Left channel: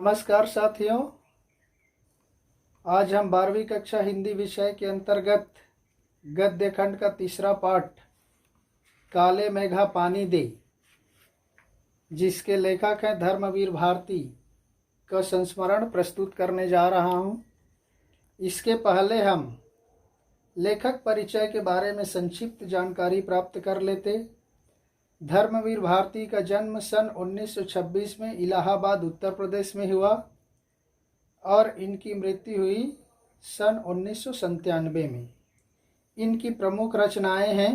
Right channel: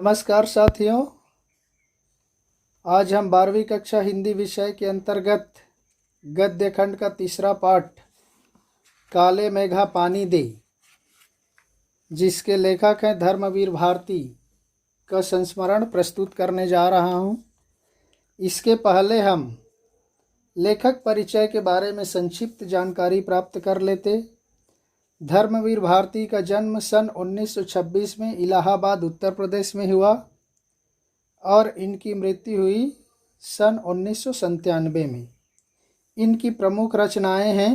नमस्कार साथियों, आज हम 12वीं कक्षा हिंदी विषय के अंतर्गत गद्य खंड का तीसरा पाठ काले मेघा पानी दे, जिसके लेखक हैं धर्मवीर भारती, का संस्मरण प्रस्तुत करने जा रहा हूं। इसके पहले हम लेखक परिचय के बारे में संक्षिप्त जानकारी प्राप्त कर लेते। धर्मवीर भारती का जन्म सन 1926 में इलाहाबाद उत्तर प्रदेश में हुआ और इनकी मृत्यु हुई सन 1997 में। इनकी प्रमुख रचनाएं हैं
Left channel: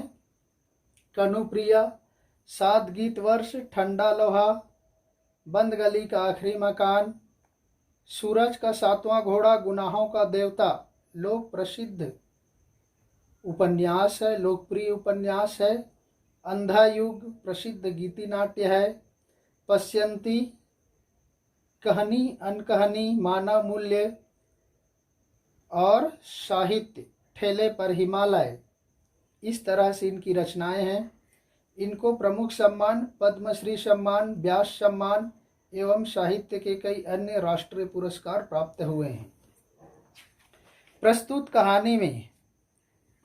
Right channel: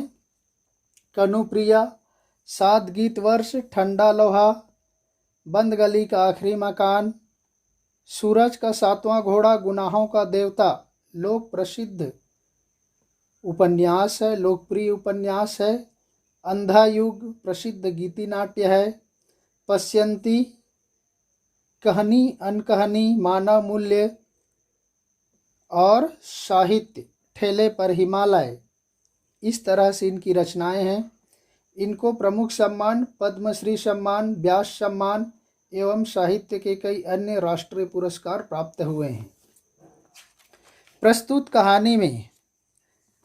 कनुप्रिया, 7 गीत वर्ष, ठंडा लोहा, बंद गली का आखिरी मकान, सूरज का 7वां घोड़ा, गुनाहों का देवता लोक प्रसिद्ध उपन्यास है, लोकप्रिय उपन्यास है। अंधा युग प्रसिद्ध गीति नाट्य है। पश्यंती, कहानी अनकहानी, मानव मूल्य और साहित्य, ठेले पर हिमालय, इस तरह से इनकी रचनाएं हैं। इनको प्रमुख सम्मान पद्मश्री सम्मान, व्यास सम्मान एवं साहित्य के कई अन्य राष्ट्रीय पुरस्कार प्राप्त हुए हैं। प्रस्तुत कहानी में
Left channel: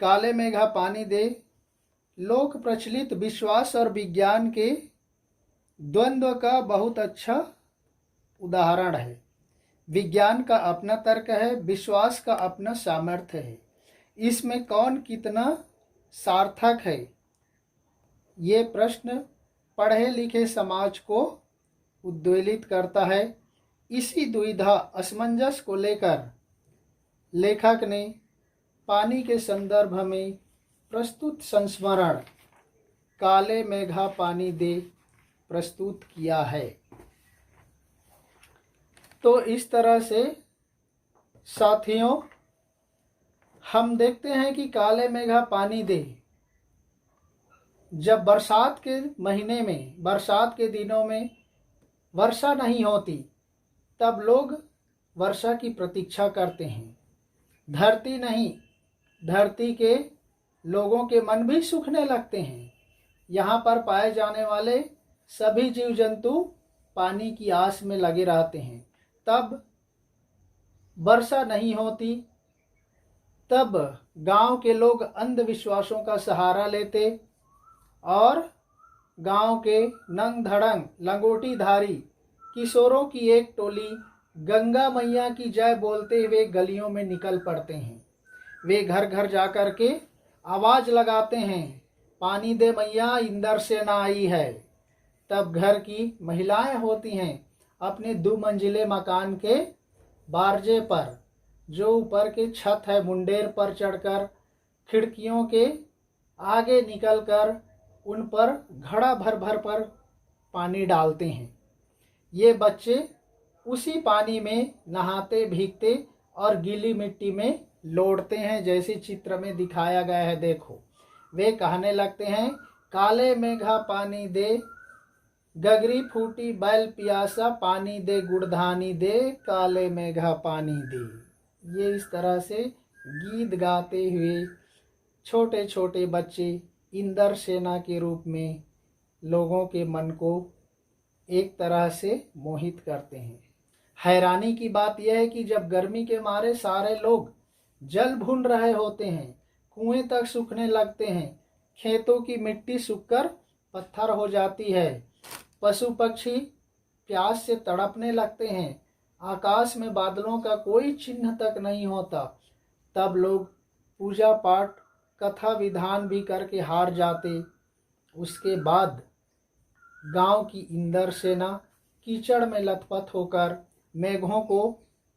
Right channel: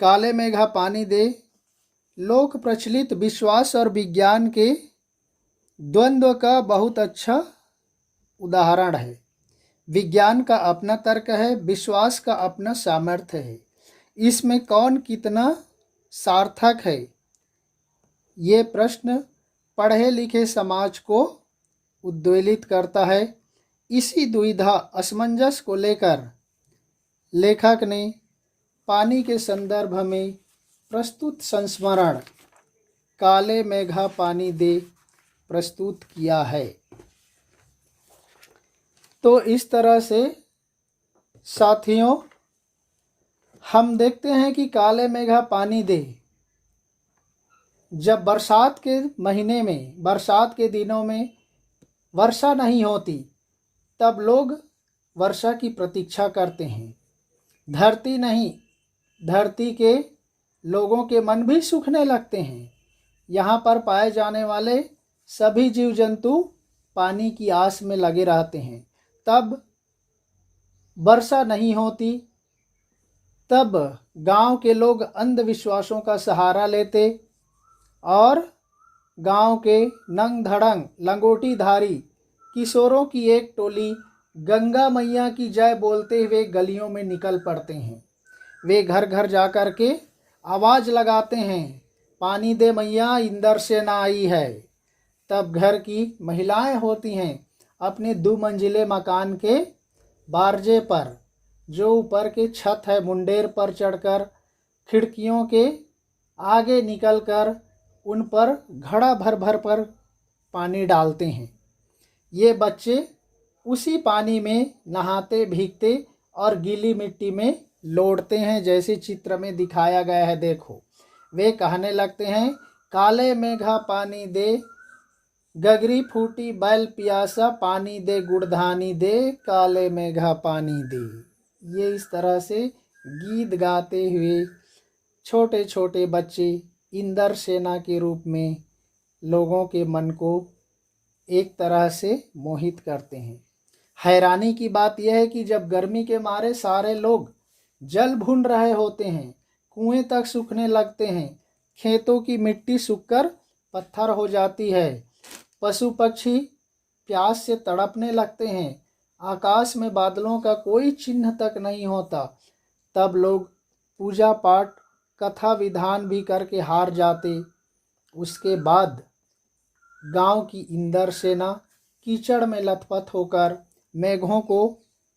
काले मेघा पानी दे लोक प्रचलित विश्वास और विज्ञान के द्वंद्व का बहुत अच्छा उदाहरण है। विज्ञान का अपना तर्क है, विश्वास का अपना सामर्थ्य है। इसमें कौन कितना सार्थक है, ये प्रश्न पढ़े लिखे समाज को उद्वेलित करता है। इसी दुविधा असमंजस को लेकर लेखक ने पानी के संदर्भ में प्रस्तुत संस्मरण काले मेघा पानी दे प्रस्तुत किया है। तो इस तरह से साथियों, हम देखते हैं कि काले मेघा पानी दे, जब बरसात के महीने में, बरसात के दिनों में वर्षा नहीं होती, तब लोग वर्षा की प्रतीक्षा करते हैं। धरती नहीं, धरती के लोगों के मन भी सूखने लगते हैं। यहाँ पर पाए जाने वाले सभी जीव जंतु पानी की आस में लगे रहते हैं। तब वर्षा नहीं होती, तब गांव के लोग अंधविश्वासों का सहारा लेते और गांव के नंग धड़ंग लंगोटीधारी किशोरों की एक टोली गंगा मैया की जय बोलते हुए गलियों में निकल पड़ते हैं। वे घर घर जाकर के आवाज लगाते हैं, पानी दे मैया, इंदर से ना आई है। तब घर की महिलाएं होती हैं, अपने 2 मंजिले मकान के बारजे पर, जो ऊपर के छत है, मुंडेर पर चढ़कर खिड़कियों के आगे निकलकर उन पर घड़ा भर भर पर पानी डालते हैं। ये बच्चे उसी पानी में नहाते, भीगते और गीली मिट्टी में लौटते हैं, जैसे चित्र में दिखाया गया है। देखो, वे कहने लगते हैं, काले मेघा पानी दे, गगरी फूटी बैल पियासा, पानी दे गुड़धानी दे, काले मेघा पानी दे। ये इस तरह से गीत गाते हुए छोटे छोटे बच्चे इंदर सेना के रूप में लोगों के मन को एक तरह से मोहित करते हैं। हैरानी की बात यह है कि जब गर्मी के मारे सारे लोग जल भून रहे होते हैं, कुएं तक सूखने लगते हैं, खेतों की मिट्टी सूखकर पत्थर हो जाती है, पशु पक्षी प्यास से तड़पने लगते हैं, आकाश में बादलों का कोई चिन्ह तक नहीं होता, तब लोग पूजा पाठ, कथा विधान भी करके हार जाते। उसके बाद गांव की इंदर सेना कीचड़ में लथपथ होकर मेघों को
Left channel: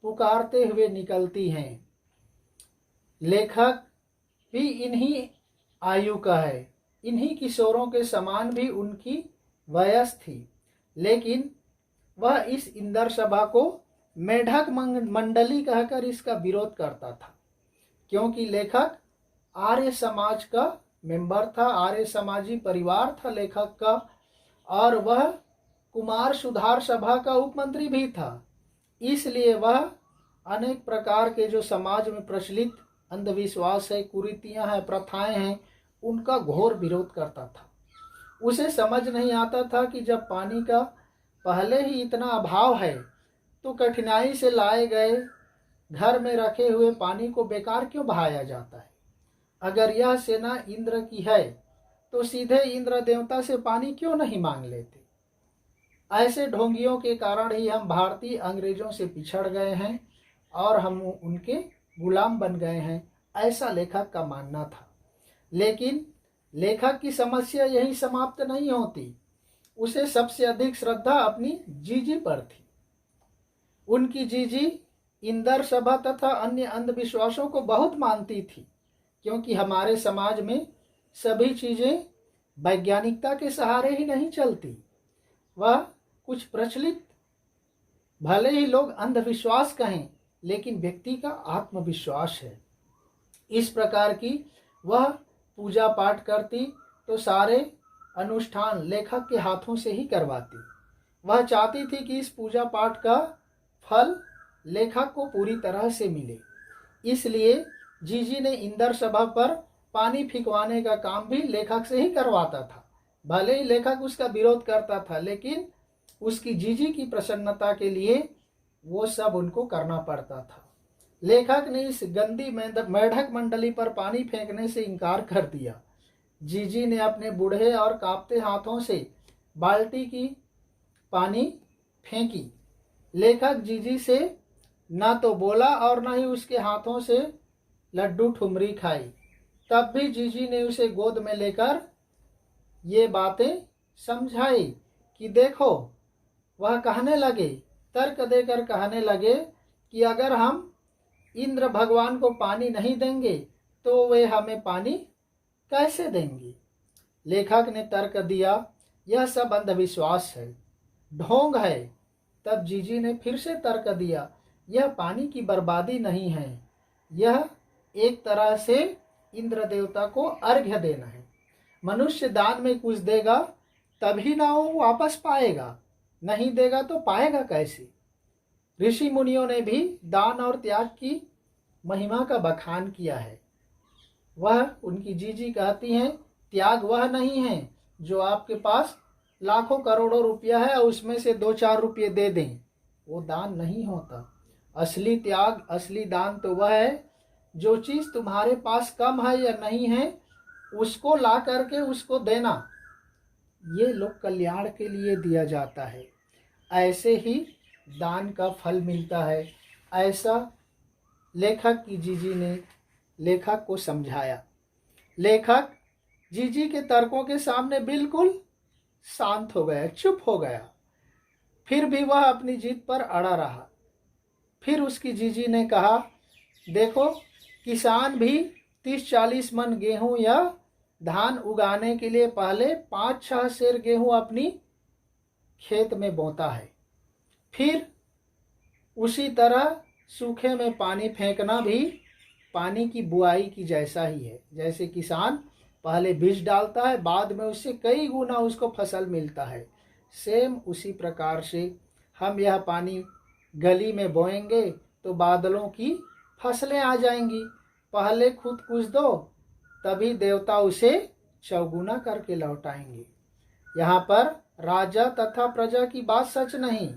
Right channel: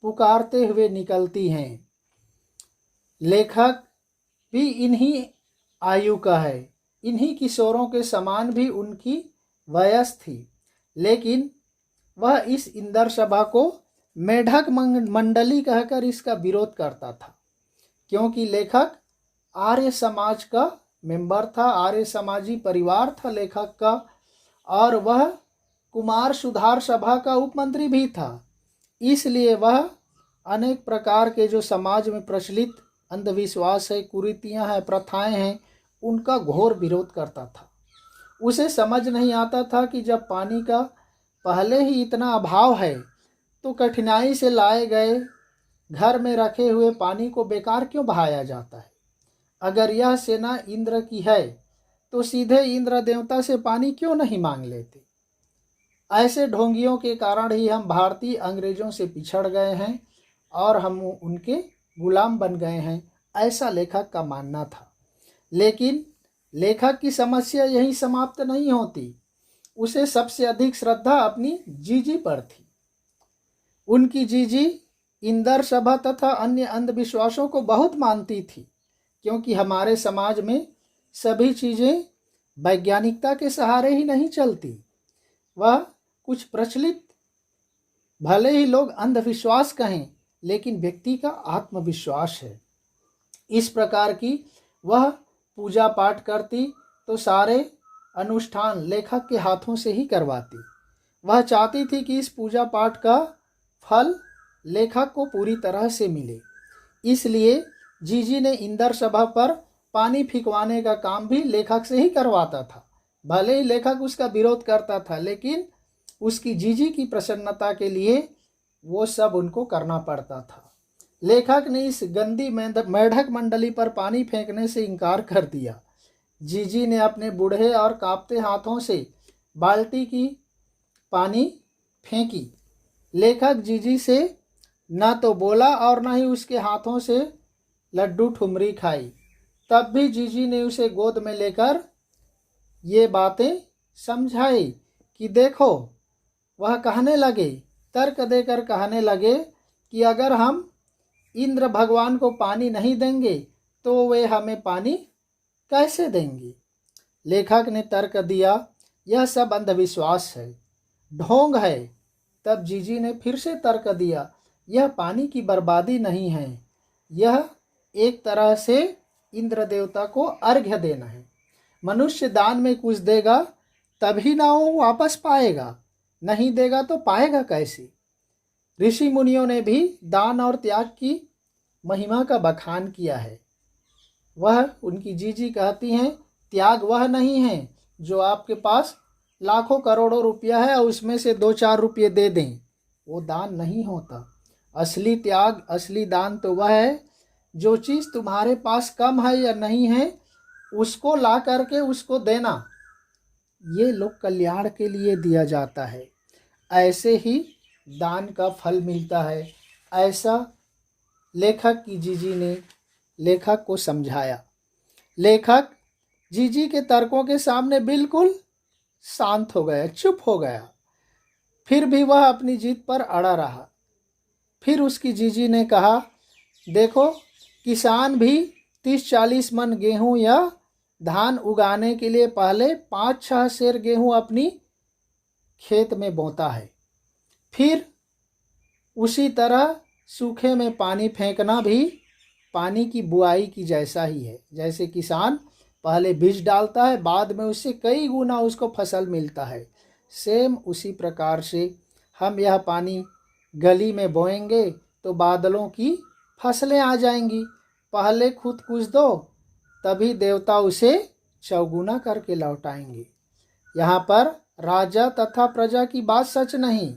पुकारते हुए निकलती हैं। लेखक भी इन्हीं आयु का है, इन्हीं किशोरों के समान भी उनकी वयस थी, लेकिन वह इस इंदर सभा को मेढक मंडली कहकर इसका विरोध करता था, क्योंकि लेखक आर्य समाज का मेंबर था, आर्य समाजी परिवार था लेखक का, और वह कुमार सुधार सभा का उपमंत्री भी था। इसलिए वह अनेक प्रकार के जो समाज में प्रचलित अंधविश्वास है, कुरीतियां हैं, प्रथाएं हैं, उनका घोर विरोध करता था। उसे समझ नहीं आता था कि जब पानी का पहले ही इतना अभाव है, तो कठिनाई से लाए गए घर में रखे हुए पानी को बेकार क्यों बहाया जाता है? अगर यह सेना इंद्र की है तो सीधे इंद्र देवता से पानी क्यों नहीं मांग लेते? ऐसे ढोंगियों के कारण ही हम भारतीय अंग्रेजों से पिछड़ गए हैं और हम उनके गुलाम बन गए हैं, ऐसा लेखक का मानना था। लेकिन लेखक की समस्या यही समाप्त नहीं होती। उसे सबसे अधिक श्रद्धा अपनी जीजी पर थी। उनकी जीजी इंदर सभा तथा अन्य अंधविश्वासों को बहुत मानती थी, क्योंकि हमारे समाज में सभी चीज़ें वैज्ञानिकता के सहारे ही नहीं चलती। वह कुछ प्रचलित, भले ही लोग अंधविश्वास कहें, लेकिन व्यक्ति का आत्मविश्वास है। इस प्रकार की वह पूजा पाठ करती तो सारे अनुष्ठान लेखक के हाथों से ही करवाती। वह चाहती थी कि इस पूजा पाठ का फल लेखक को पूरी तरह से मिले। इसलिए जीजी ने इंदर सभा पर पानी फिकवाने का काम भी लेखक से ही करवाता था। भले ही लेखक उसका विरोध करता था, लेकिन उसकी जीजी की प्रसन्नता के लिए वो सब उनको करना पड़ता था। लेखक ने इस गंदी मेढक मंडली पर पानी फेंकने से इनकार कर दिया। जीजी ने अपने बूढ़े और कांपते हाथों से बाल्टी की पानी फेंकी। लेखक जीजी से न तो बोला और न ही उसके हाथों से लड्डू ठुमरी खाई। तब भी जीजी ने उसे गोद में लेकर ये बातें समझाई कि देखो, वह कहने लगे, तर्क देकर कहने लगे कि अगर हम इंद्र भगवान को पानी नहीं देंगे तो वे हमें पानी कैसे देंगे? लेखक ने तर्क दिया, यह सब अंधविश्वास है, ढोंग है। तब जीजी ने फिर से तर्क दिया, यह पानी की बर्बादी नहीं है, यह एक तरह से इंद्र देवता को अर्घ्य देना है। मनुष्य दान में कुछ देगा तभी ना वो वापस पाएगा, नहीं देगा तो पाएगा कैसे? ऋषि मुनियों ने भी दान और त्याग की महिमा का बखान किया है। वह उनकी जीजी कहती हैं, त्याग वह नहीं है जो आपके पास लाखों करोड़ों रुपया है और उसमें से 2-4 रुपये दे दें, वो दान नहीं होता। असली त्याग, असली दान तो वह है जो चीज़ तुम्हारे पास कम है या नहीं है, उसको ला करके उसको देना। ये लोक कल्याण के लिए दिया जाता है, ऐसे ही दान का फल मिलता है। ऐसा लेखक की जीजी ने लेखक को समझाया। लेखक जीजी के तर्कों के सामने बिल्कुल शांत हो गया, चुप हो गया। फिर भी वह अपनी जीत पर अड़ा रहा। फिर उसकी जीजी ने कहा, देखो, किसान भी 30-40 मन गेहूं या धान उगाने के लिए पहले 5-6 सेर गेहूं अपनी खेत में बोता है। फिर उसी तरह सूखे में पानी फेंकना भी पानी की बुआई की जैसा ही है। जैसे किसान पहले बीज डालता है, बाद में उससे कई गुना उसको फसल मिलता है, सेम उसी प्रकार से हम यह पानी गली में बोएंगे तो बादलों की फसलें आ जाएंगी। पहले खुद कुछ दो, तभी देवता उसे चौगुना करके लौटाएंगे। यहाँ पर राजा तथा प्रजा की बात सच नहीं,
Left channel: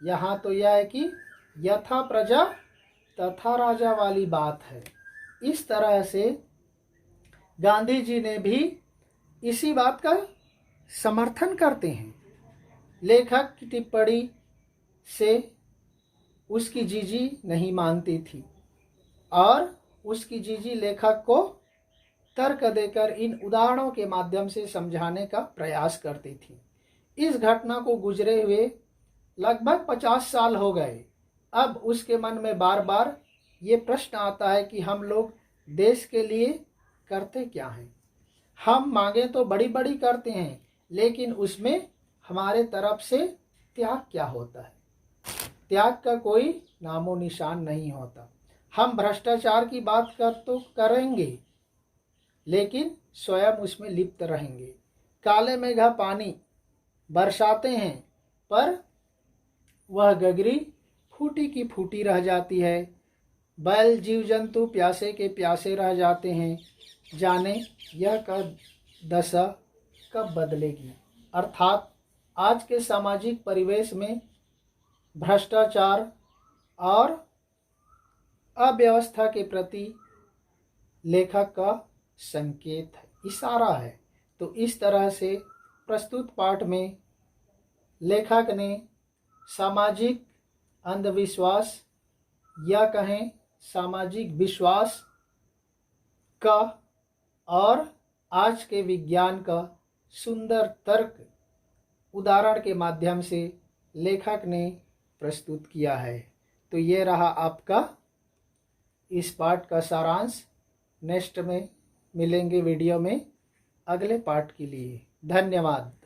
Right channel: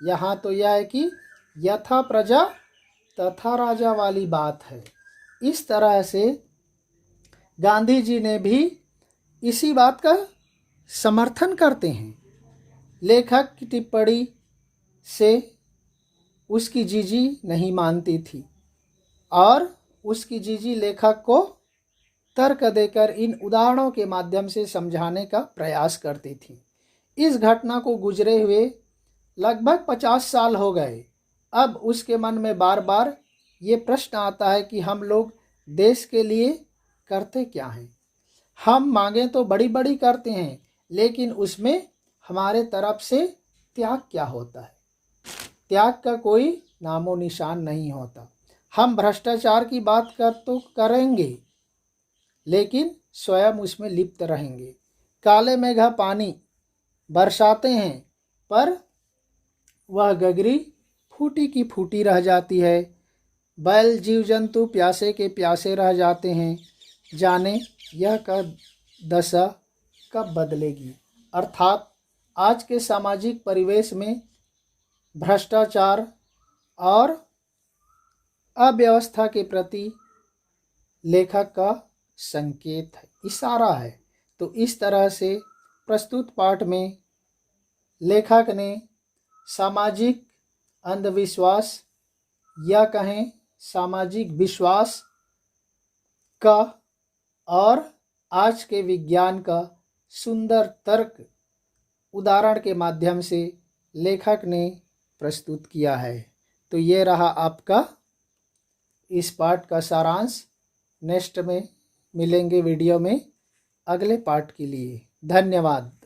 यहाँ तो यह है कि यथा प्रजा तथा राजा वाली बात है। इस तरह से गांधी जी ने भी इसी बात का समर्थन करते हैं। लेखक की टिप्पणी से उसकी जीजी नहीं मानती थी और उसकी जीजी लेखक को तर्क देकर इन उदाहरणों के माध्यम से समझाने का प्रयास करती थी। इस घटना को गुजरे हुए लगभग 50 साल हो गए। अब उसके मन में बार बार ये प्रश्न आता है कि हम लोग देश के लिए करते क्या हैं? हम मांगें तो बड़ी बड़ी करते हैं, लेकिन उसमें हमारे तरफ से त्याग क्या होता है? त्याग का कोई नामो निशान नहीं होता। हम भ्रष्टाचार की बात कर तो करेंगे, लेकिन स्वयं उसमें लिप्त रहेंगे। काले मेघा पानी बरसाते हैं, पर वह गगरी फूटी की फूटी रह जाती है। बैल जीव जंतु प्यासे के प्यासे रह जाते हैं। जाने यह कब दशा कब बदलेगी। अर्थात आज के सामाजिक परिवेश में भ्रष्टाचार और अव्यवस्था के प्रति लेखक का संकेत है, इशारा है। तो इस तरह से प्रस्तुत पाठ में लेखक ने सामाजिक अंधविश्वास या कहें सामाजिक विश्वास का और आज के विज्ञान का सुंदर तर्क उदाहरण के माध्यम से लेखक ने प्रस्तुत किया है। तो ये रहा आपका इस पाठ का सारांश। नेक्स्ट में मिलेंगे वीडियो में अगले पाठ के लिए। धन्यवाद।